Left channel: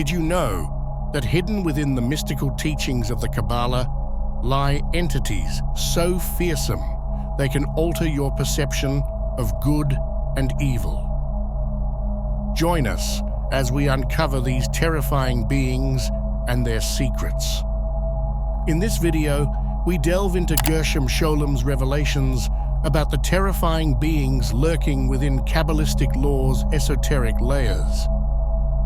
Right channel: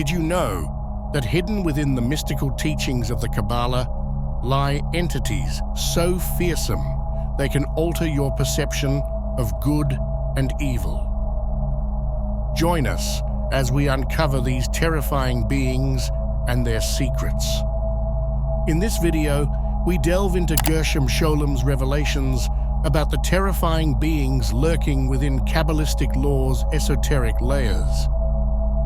Did you know that hidden within the mystical teachings of the Kabbalah lie entities so fearsome they can alter your perception of good and evil? Join us as we uncover these terrifying beings and their secrets. In this video, we delve into Gershom Scholem's revelations about the terrifying beings lurking within Kabbalistic law's esoteric layers.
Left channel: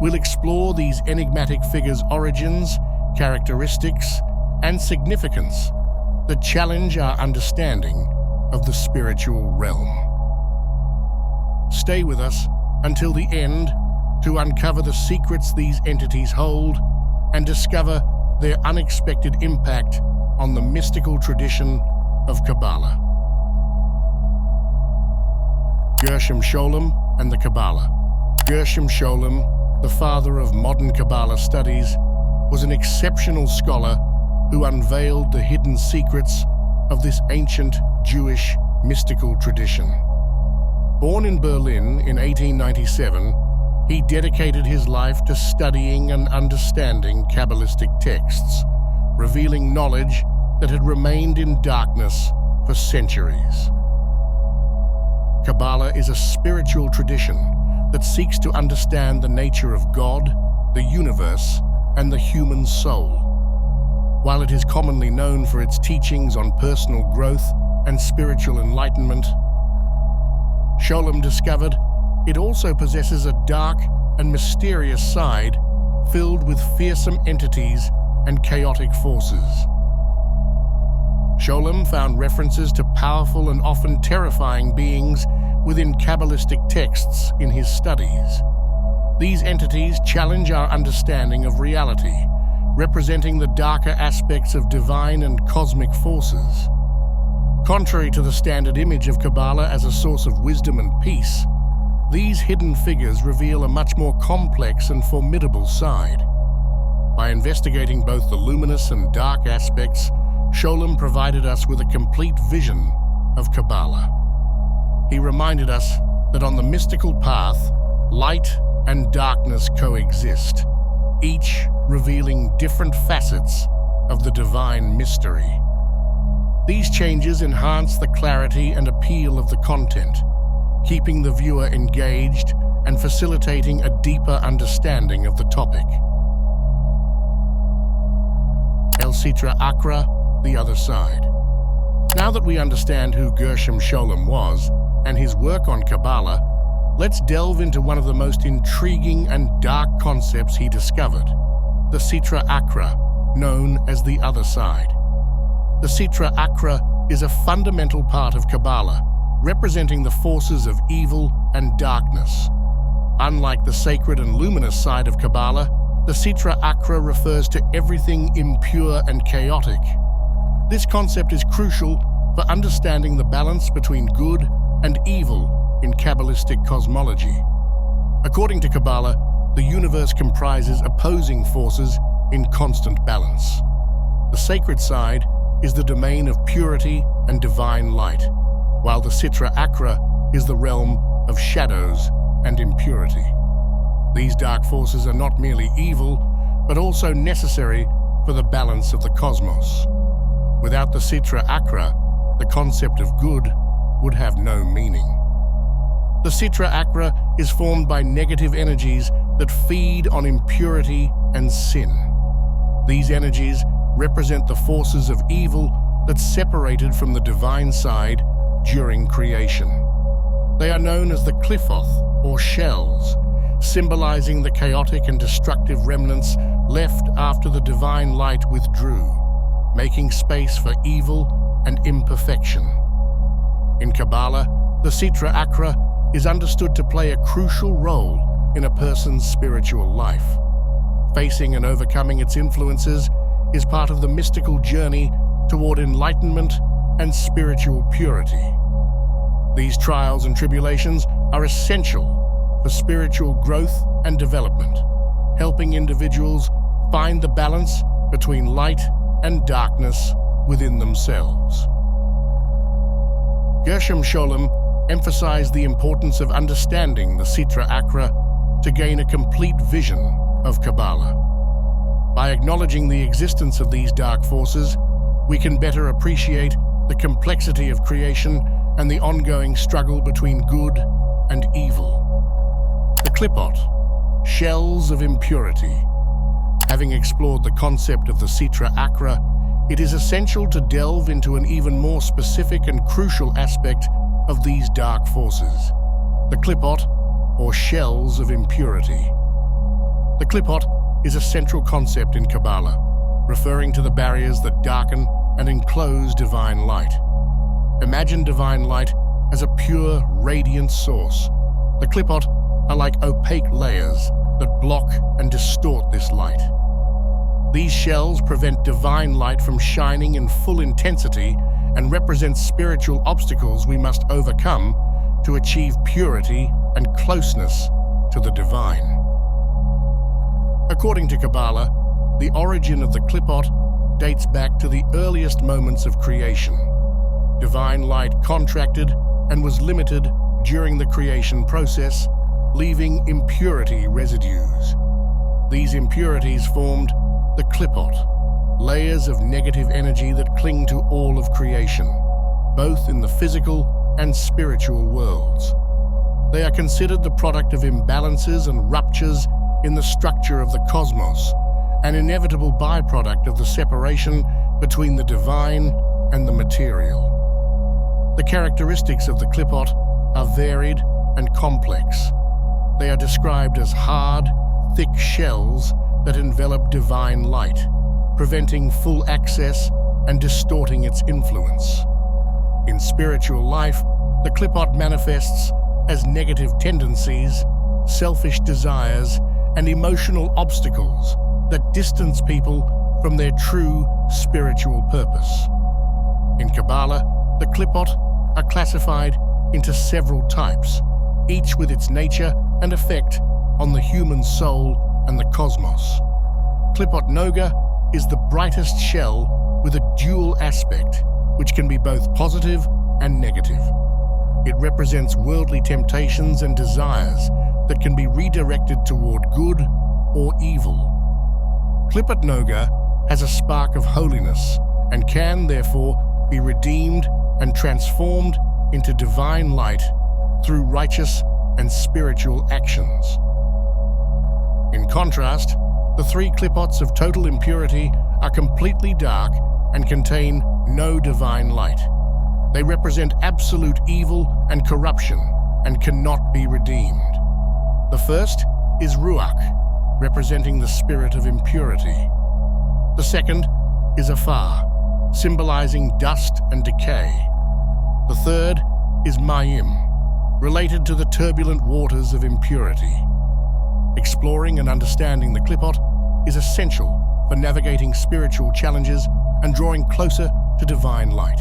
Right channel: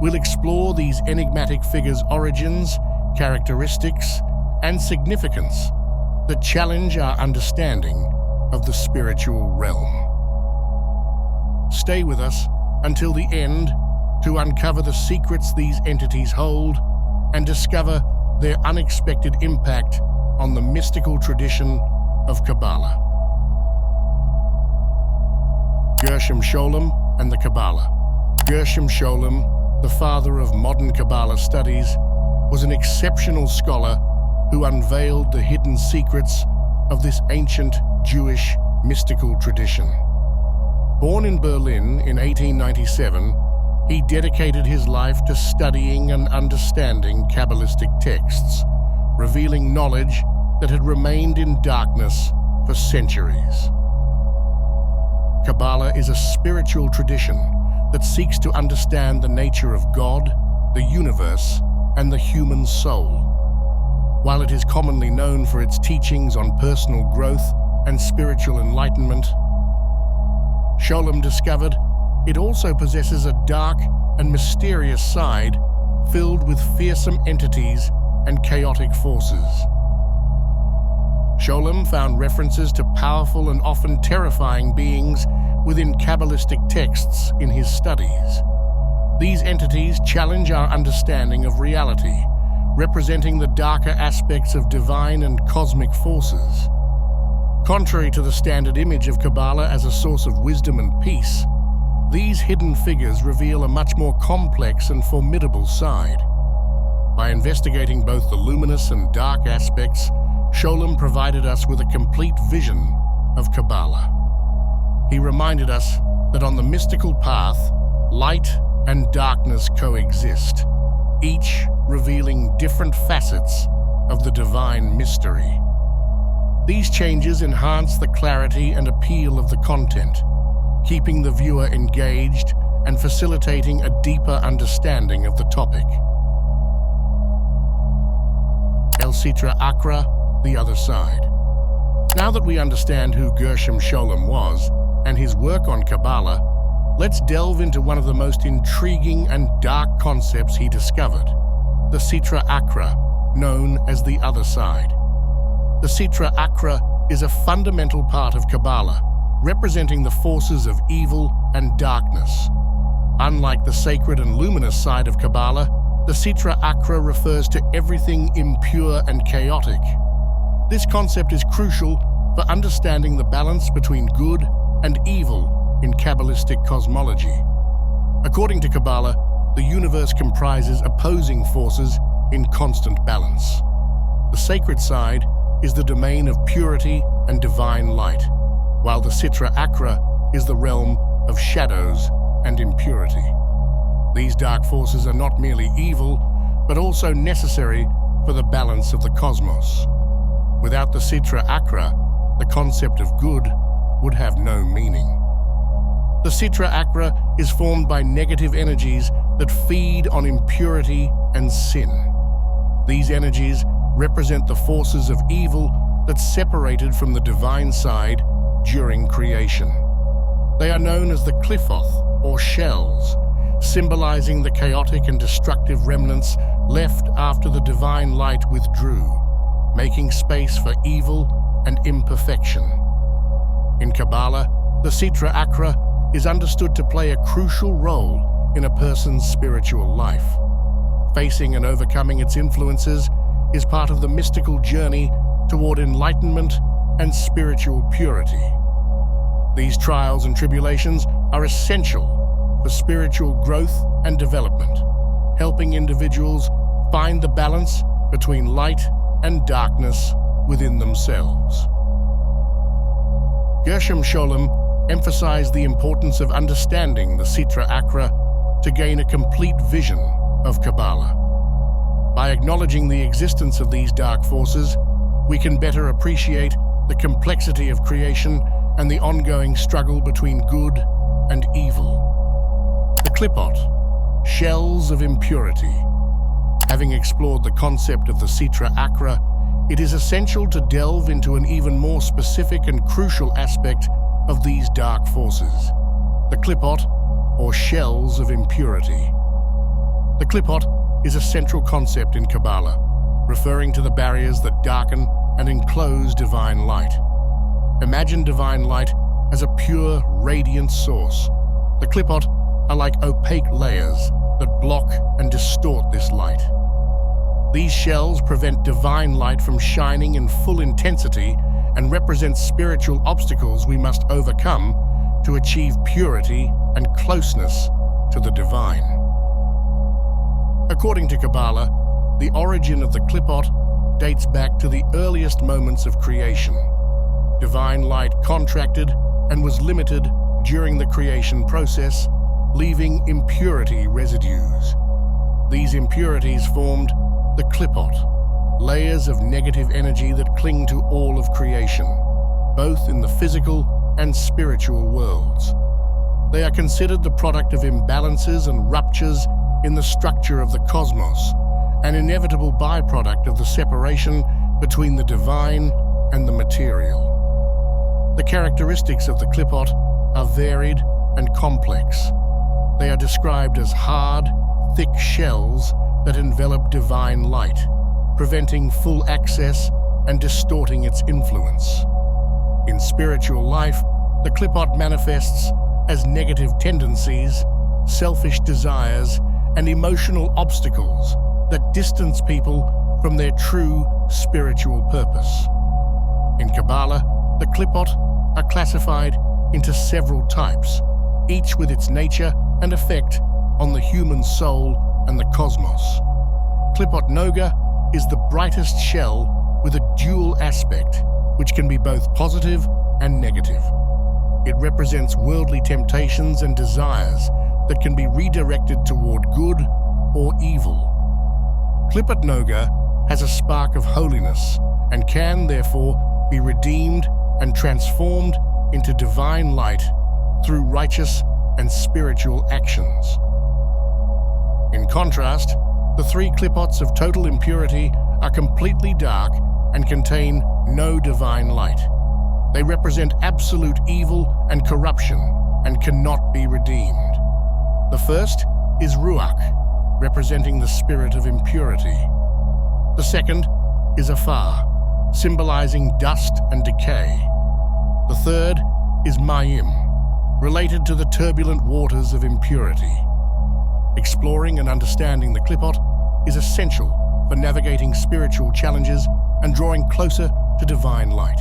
We'll explore these enigmatic figures' origins, characteristics, and significance that challenge our understanding of the spiritual realm. Stay with us until the end to uncover the secrets these entities hold and discover their unexpected impact on the mystical tradition of Kabbalah. Gershom Scholem and the Kabbalah. Gershom Scholem, the father of modern Kabbalah studies, was an exceptional scholar who unveiled the hidden secrets of this ancient Jewish mystical tradition. Born in Berlin in 1897, he dedicated his life to studying and understanding Kabbalistic texts, revealing knowledge that had remained in darkness for centuries. Kabbalah is a spiritual tradition that seeks to understand the nature of God, the universe, and the human soul. While it is commonly known for its teachings on personal growth and spiritual enlightenment, Scholem discovered it also possesses a dark and mysterious side filled with fearsome entities and chaotic forces. Scholem found references to powerful and often terrifying beings within Kabbalistic texts in his studies. These entities challenge our understanding of reality, representing the darker aspects of divine and cosmic forces. Contrary to the standard image of Kabbalah as a source of wisdom and peace, these hidden figures reveal a much more complex and formidable side. By investigating both the luminous and dark aspects, Scholem provided us with a complete vision of Kabbalah. He reminded us that on the mystical path, light and darkness coexist, each revealing different facets of the divine mystery. These changes enhance the clarity and appeal of the content, keeping the viewer engaged and facilitating a deeper understanding of the topic. El Sitra Akra, the other side. Now that we understand who Gershom Scholem was and his work on Kabbalah, let's delve into one of the most intriguing and dark concepts he discovered, the Sitra Akra, known as the other side. The Sitra Akra is a fundamental part of Kabbalah, representing the forces of evil and darkness. Unlike the sacred and luminous side of Kabbalah, the Sitra Akra refers to everything impure and chaotic. This concept is crucial for understanding the balance between good and evil in Kabbalistic cosmology. According to Kabbalah, the universe comprises opposing forces in constant balance. The sacred side is the domain of purity and divine light, while the Sitra Akra is the realm of shadows and impurity. These dark forces are not merely evil, but also necessary for the balance of the cosmos. Without the Sitra Akra, the concept of good would have no meaning. The Sitra Akra is formed by negative energies that feed on impurity and sin. These energies represent the forces of evil that separated from the divine side during creation. They are known as the Qliphoth, or shells, symbolizing the chaotic and destructive remnants left after the divine light withdrew, making space for evil and imperfection. In Kabbalah, the Sitra Akra is understood to play a crucial role in a person's spiritual life. Facing and overcoming its influences is part of the mystical journey toward enlightenment and spiritual purity. These trials and tribulations are essential for spiritual growth and development, helping individuals find the balance between light and darkness within themselves. Gershom Scholem emphasized the importance of understanding the Sitra Akra to gain a complete vision of Kabbalah. By acknowledging the existence of these dark forces, we can better appreciate the complexity of creation and the ongoing struggle between good and evil. The Qlipot, shells of impurity. Having explored the concept of the Sitra Achra, it is essential to delve into an even more specific and crucial aspect of these dark forces. The Qlipot, or shells of impurity. The Qlipot is a central concept in Kabbalah, referring to the barriers that darken and enclose divine light. Imagine divine light as a pure, radiant source. The Qlipot are like opaque layers that block and distort this light. These shells prevent divine light from shining in full intensity and represent spiritual obstacles we must overcome to achieve purity and closeness to the divine. According to Kabbalah, the origin of the Qlipot dates back to the earliest moments of creation. Divine light contracted and was limited during the creation process, leaving impurity residues. These impurities formed the Qlipot, layers of negative energy that cling to all of creation, both in the physical and spiritual worlds. They are considered the product of imbalances and ruptures in the structure of the cosmos, an inevitable byproduct of the separation between the divine and the material. The characteristics of the Qlipot are varied and complex. They are described as hard, thick shells that envelop divine light, preventing full access and distorting its influence. In spiritual life, the Qlipot manifests as negative tendencies, selfish desires, and emotional obstacles that distance people from their true spiritual purpose. In Kabbalah, the Qlipot are classified into several types, each with its nature and effect on the human soul and the cosmos. Qlipot Noga is the brightest shell with a dual aspect, which can be both positive and negative. It represents worldly temptations and desires that can be redirected toward good or evil. Qlipot Noga has a spark of holiness and can, therefore, be redeemed and transformed into divine light through righteous and spiritual actions. In contrast, the three Qlipots of total impurity are completely dark and contain no divine light. They represent absolute evil and corruption and cannot be redeemed. The first is Ruach, representing the spirit of impurity. The second is Afar, symbolizing dust and decay. The third is Mayim, related to the turbulent waters of impurity. Exploring and understanding the Qlipot is essential for navigating spiritual challenges and drawing closer to divine light.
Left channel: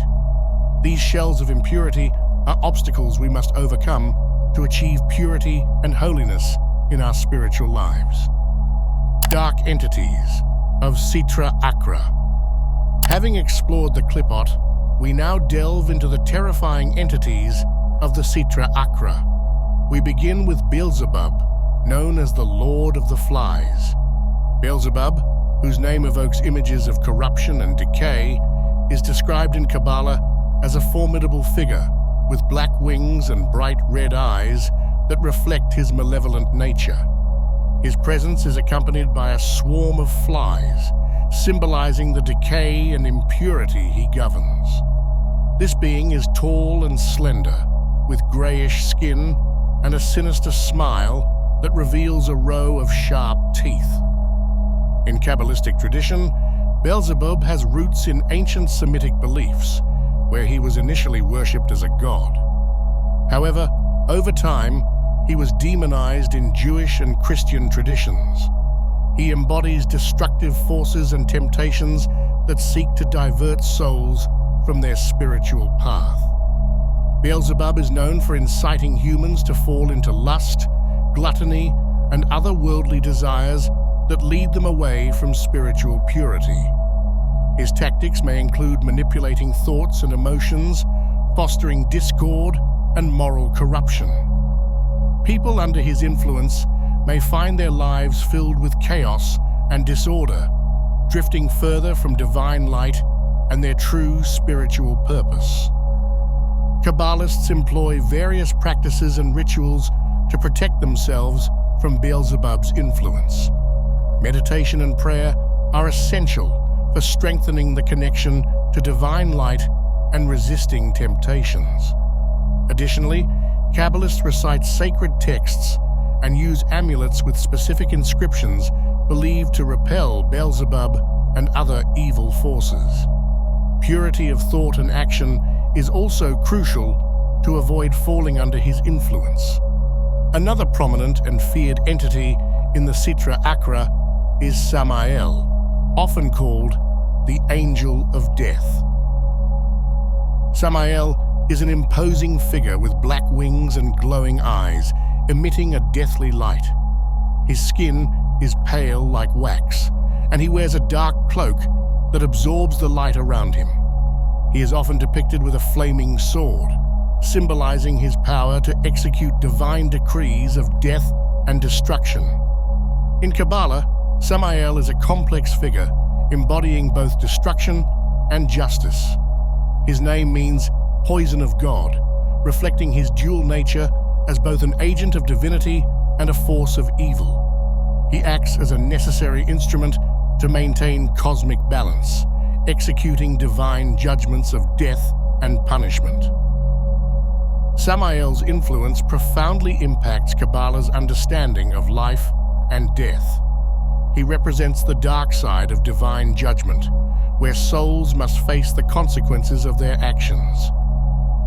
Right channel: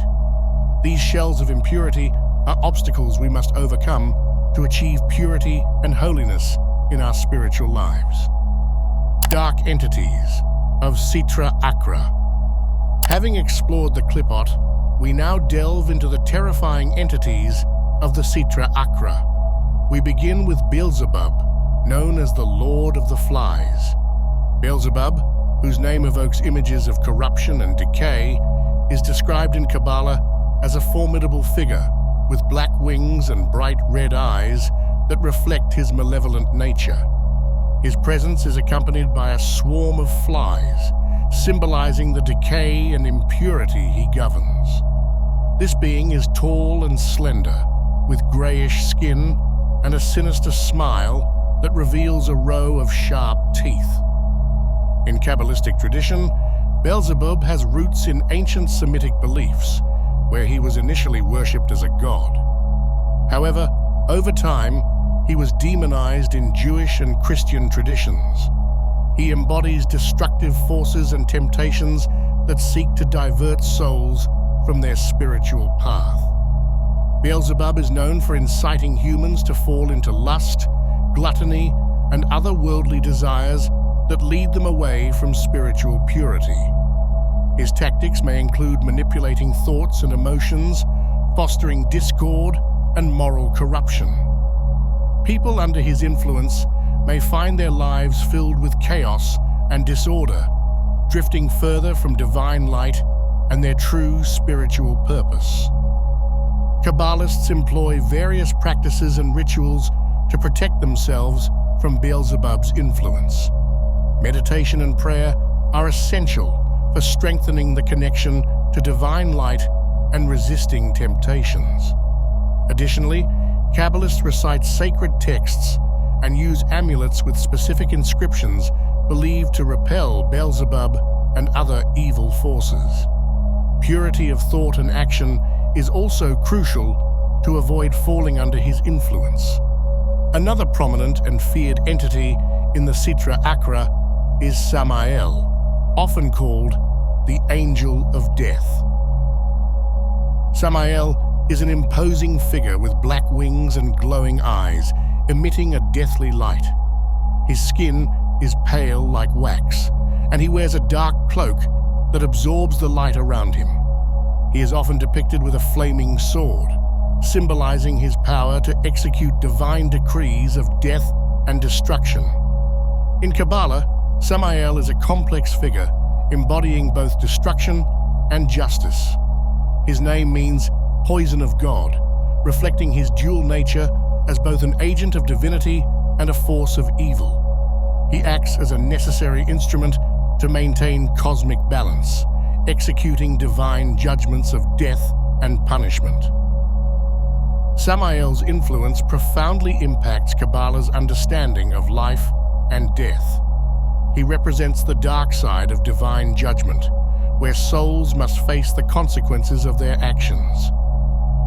These shells of impurity are obstacles we must overcome to achieve purity and holiness in our spiritual lives. Dark entities of Sitra Achra. Having explored the Qlipot, we now delve into the terrifying entities of the Sitra Achra. We begin with Beelzebub, known as the Lord of the Flies. Beelzebub, whose name evokes images of corruption and decay, is described in Kabbalah as a formidable figure with black wings and bright red eyes that reflect his malevolent nature. His presence is accompanied by a swarm of flies, symbolizing the decay and impurity he governs. This being is tall and slender, with grayish skin and a sinister smile that reveals a row of sharp teeth. In Kabbalistic tradition, Beelzebub has roots in ancient Semitic beliefs, where he was initially worshipped as a god. However, over time, he was demonized in Jewish and Christian traditions. He embodies destructive forces and temptations that seek to divert souls from their spiritual path. Beelzebub is known for inciting humans to fall into lust, gluttony, and other worldly desires that lead them away from spiritual purity. His tactics may include manipulating thoughts and emotions, fostering discord and moral corruption. People under his influence may find their lives filled with chaos and disorder, drifting further from divine light and their true spiritual purpose. Kabbalists employ various practices and rituals to protect themselves from Beelzebub's influence. Meditation and prayer are essential for strengthening the connection to divine light and resisting temptations. Additionally, Kabbalists recite sacred texts and use amulets with specific inscriptions believed to repel Beelzebub and other evil forces. Purity of thought and action is also crucial to avoid falling under his influence. Another prominent and feared entity in the Sitra Achra is Samael, often called the Angel of Death. Samael is an imposing figure with black wings and glowing eyes, emitting a deathly light. His skin is pale like wax, and he wears a dark cloak that absorbs the light around him. He is often depicted with a flaming sword, symbolizing his power to execute divine decrees of death and destruction. In Kabbalah, Samael is a complex figure embodying both destruction and justice. His name means poison of God, reflecting his dual nature as both an agent of divinity and a force of evil. He acts as a necessary instrument to maintain cosmic balance, executing divine judgments of death and punishment. Samael's influence profoundly impacts Kabbalah's understanding of life and death. He represents the dark side of divine judgment, where souls must face the consequences of their actions.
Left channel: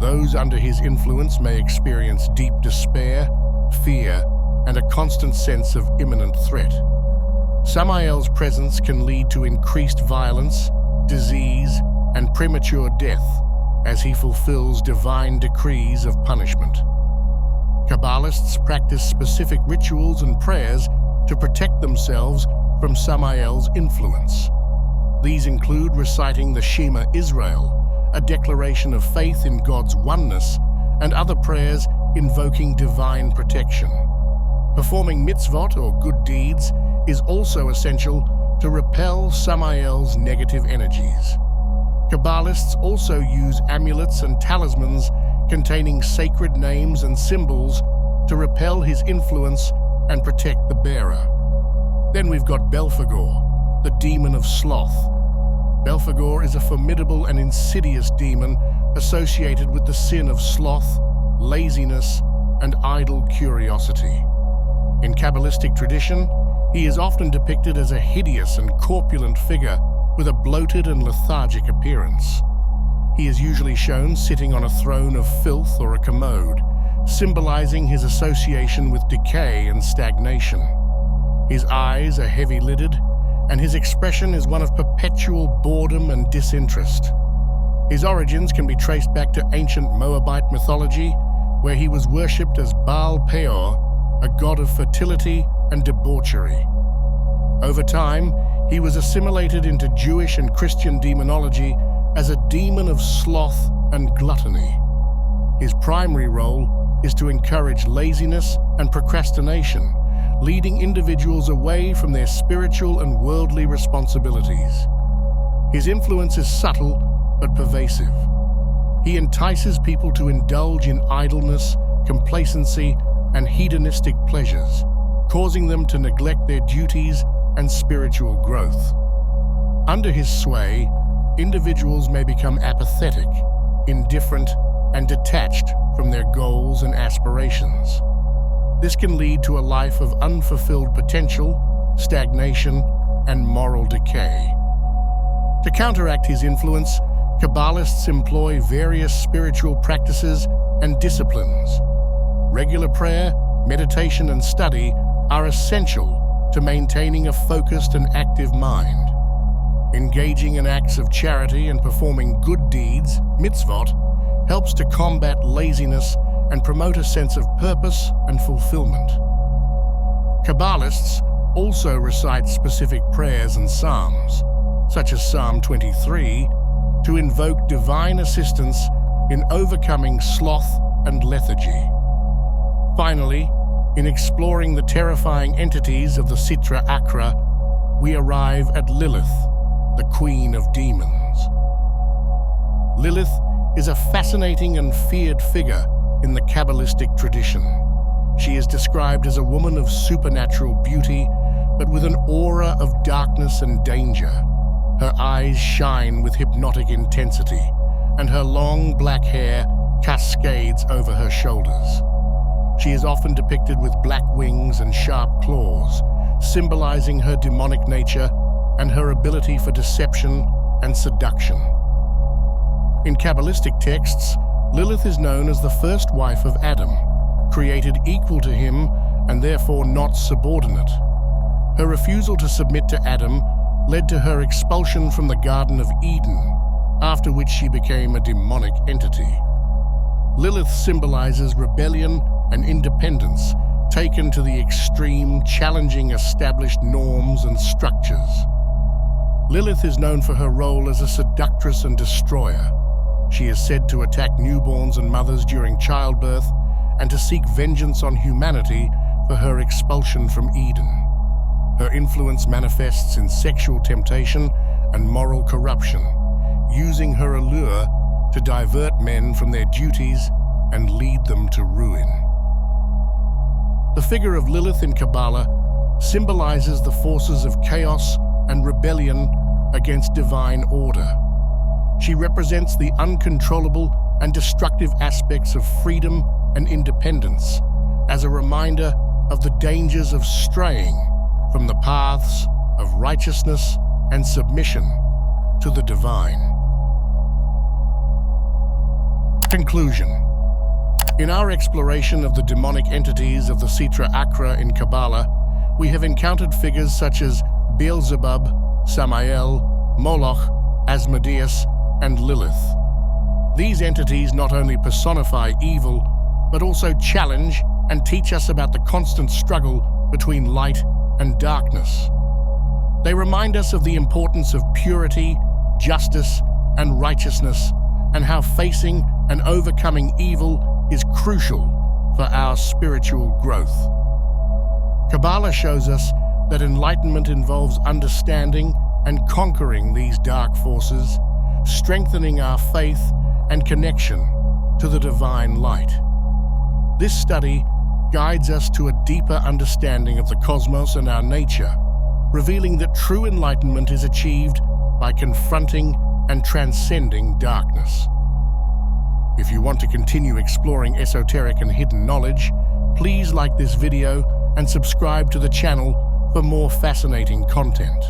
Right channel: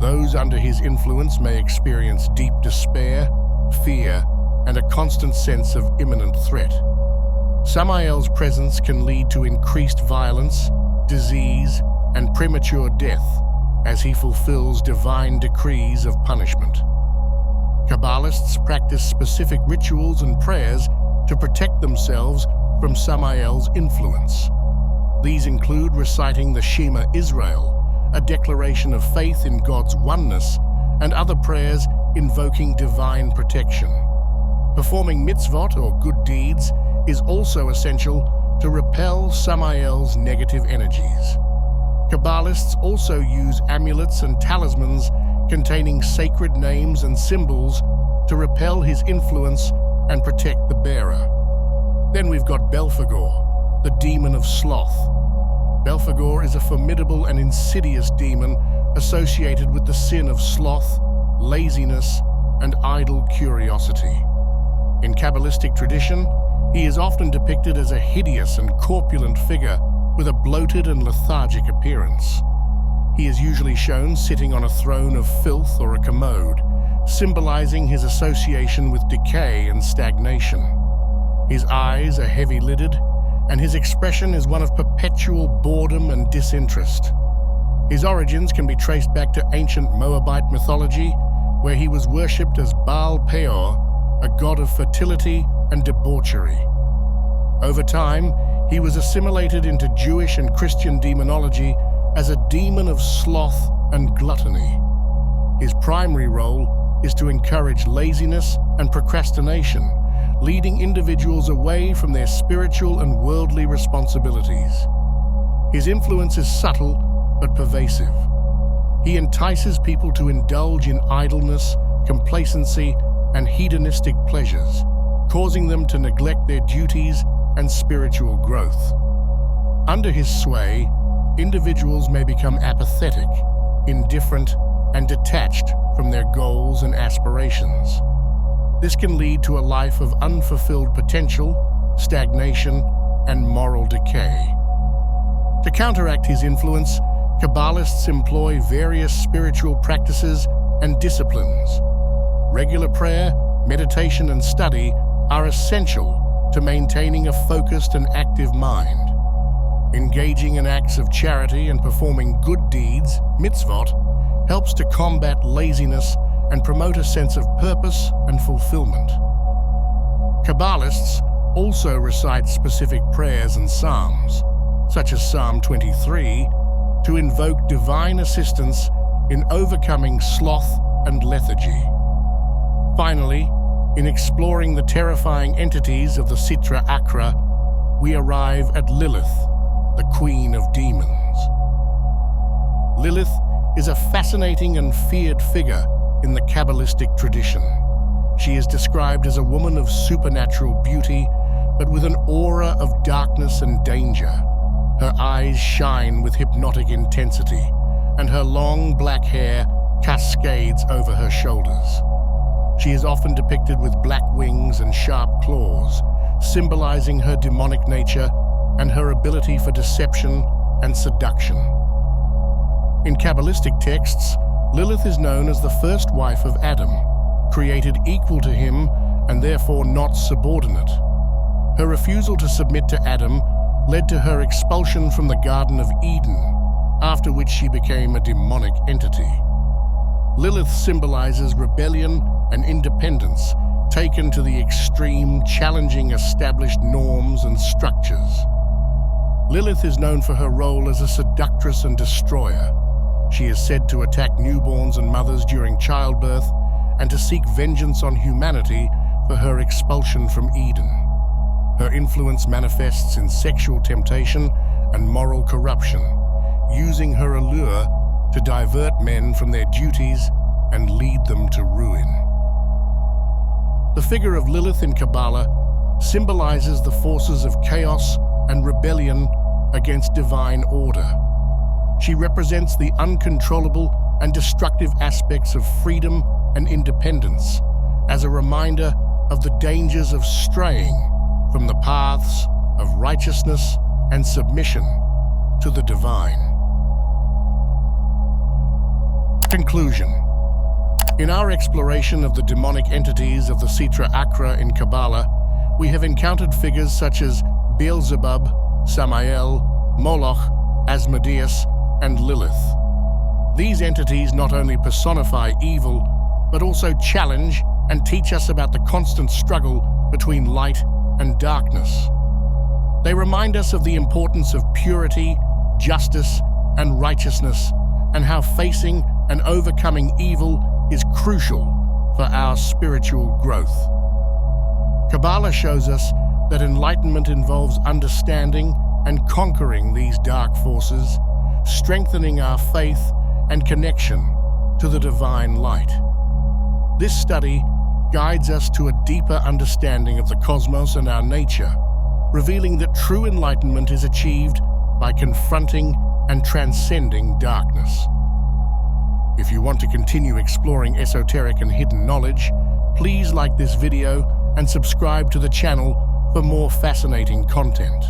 Those under his influence may experience deep despair, fear, and a constant sense of imminent threat. Samael's presence can lead to increased violence, disease, and premature death as he fulfills divine decrees of punishment. Kabbalists practice specific rituals and prayers to protect themselves from Samael's influence. These include reciting the Shema Israel, a declaration of faith in God's oneness, and other prayers invoking divine protection. Performing mitzvot or good deeds is also essential to repel Samael's negative energies. Kabbalists also use amulets and talismans containing sacred names and symbols to repel his influence and protect the bearer. Then we've got Belphegor, the demon of sloth. Belphegor is a formidable and insidious demon associated with the sin of sloth, laziness, and idle curiosity. In Kabbalistic tradition, he is often depicted as a hideous and corpulent figure with a bloated and lethargic appearance. He is usually shown sitting on a throne of filth or a commode, symbolizing his association with decay and stagnation. His eyes are heavy-lidded, and his expression is one of perpetual boredom and disinterest. His origins can be traced back to ancient Moabite mythology, where he was worshipped as Baal Peor, a god of fertility and debauchery. Over time, he was assimilated into Jewish and Christian demonology as a demon of sloth and gluttony. His primary role is to encourage laziness and procrastination, leading individuals away from their spiritual and worldly responsibilities. His influence is subtle but pervasive. He entices people to indulge in idleness, complacency, and hedonistic pleasures, causing them to neglect their duties and spiritual growth. Under his sway, individuals may become apathetic, indifferent, and detached from their goals and aspirations. This can lead to a life of unfulfilled potential, stagnation, and moral decay. To counteract his influence, Kabbalists employ various spiritual practices and disciplines. Regular prayer, meditation, and study are essential to maintaining a focused and active mind. Engaging in acts of charity and performing good deeds, mitzvot, helps to combat laziness and promote a sense of purpose and fulfillment. Kabbalists also recite specific prayers and psalms, such as Psalm 23, to invoke divine assistance in overcoming sloth and lethargy. Finally, In exploring the terrifying entities of the Sitra Achra, we arrive at Lilith, the Queen of Demons. Lilith is a fascinating and feared figure in the Kabbalistic tradition. She is described as a woman of supernatural beauty, but with an aura of darkness and danger. Her eyes shine with hypnotic intensity, and her long black hair cascades over her shoulders. She is often depicted with black wings and sharp claws, symbolizing her demonic nature and her ability for deception and seduction. In Kabbalistic texts, Lilith is known as the first wife of Adam, created equal to him and therefore not subordinate. Her refusal to submit to Adam led to her expulsion from the Garden of Eden, after which she became a demonic entity. Lilith symbolizes rebellion and independence taken to the extreme, challenging established norms and structures. Lilith is known for her role as a seductress and destroyer. She is said to attack newborns and mothers during childbirth and to seek vengeance on humanity for her expulsion from Eden. Her influence manifests in sexual temptation and moral corruption, using her allure to divert men from their duties and lead them to ruin. The figure of Lilith in Kabbalah symbolizes the forces of chaos and rebellion against divine order. She represents the uncontrollable and destructive aspects of freedom and independence, as a reminder of the dangers of straying from the paths of righteousness and submission to the divine. Conclusion. In our exploration of the demonic entities of the Sitra Achra in Kabbalah, we have encountered figures such as Beelzebub, Samael, Moloch, Asmodeus, and Lilith. These entities not only personify evil, but also challenge and teach us about the constant struggle between light and darkness. They remind us of the importance of purity, justice, and righteousness, and how facing and overcoming evil is crucial for our spiritual growth. Kabbalah shows us that enlightenment involves understanding and conquering these dark forces, strengthening our faith and connection to the divine light. This study guides us to a deeper understanding of the cosmos and our nature, revealing that true enlightenment is achieved by confronting and transcending darkness. If you want to continue exploring esoteric and hidden knowledge, please like this video and subscribe to the channel for more fascinating content.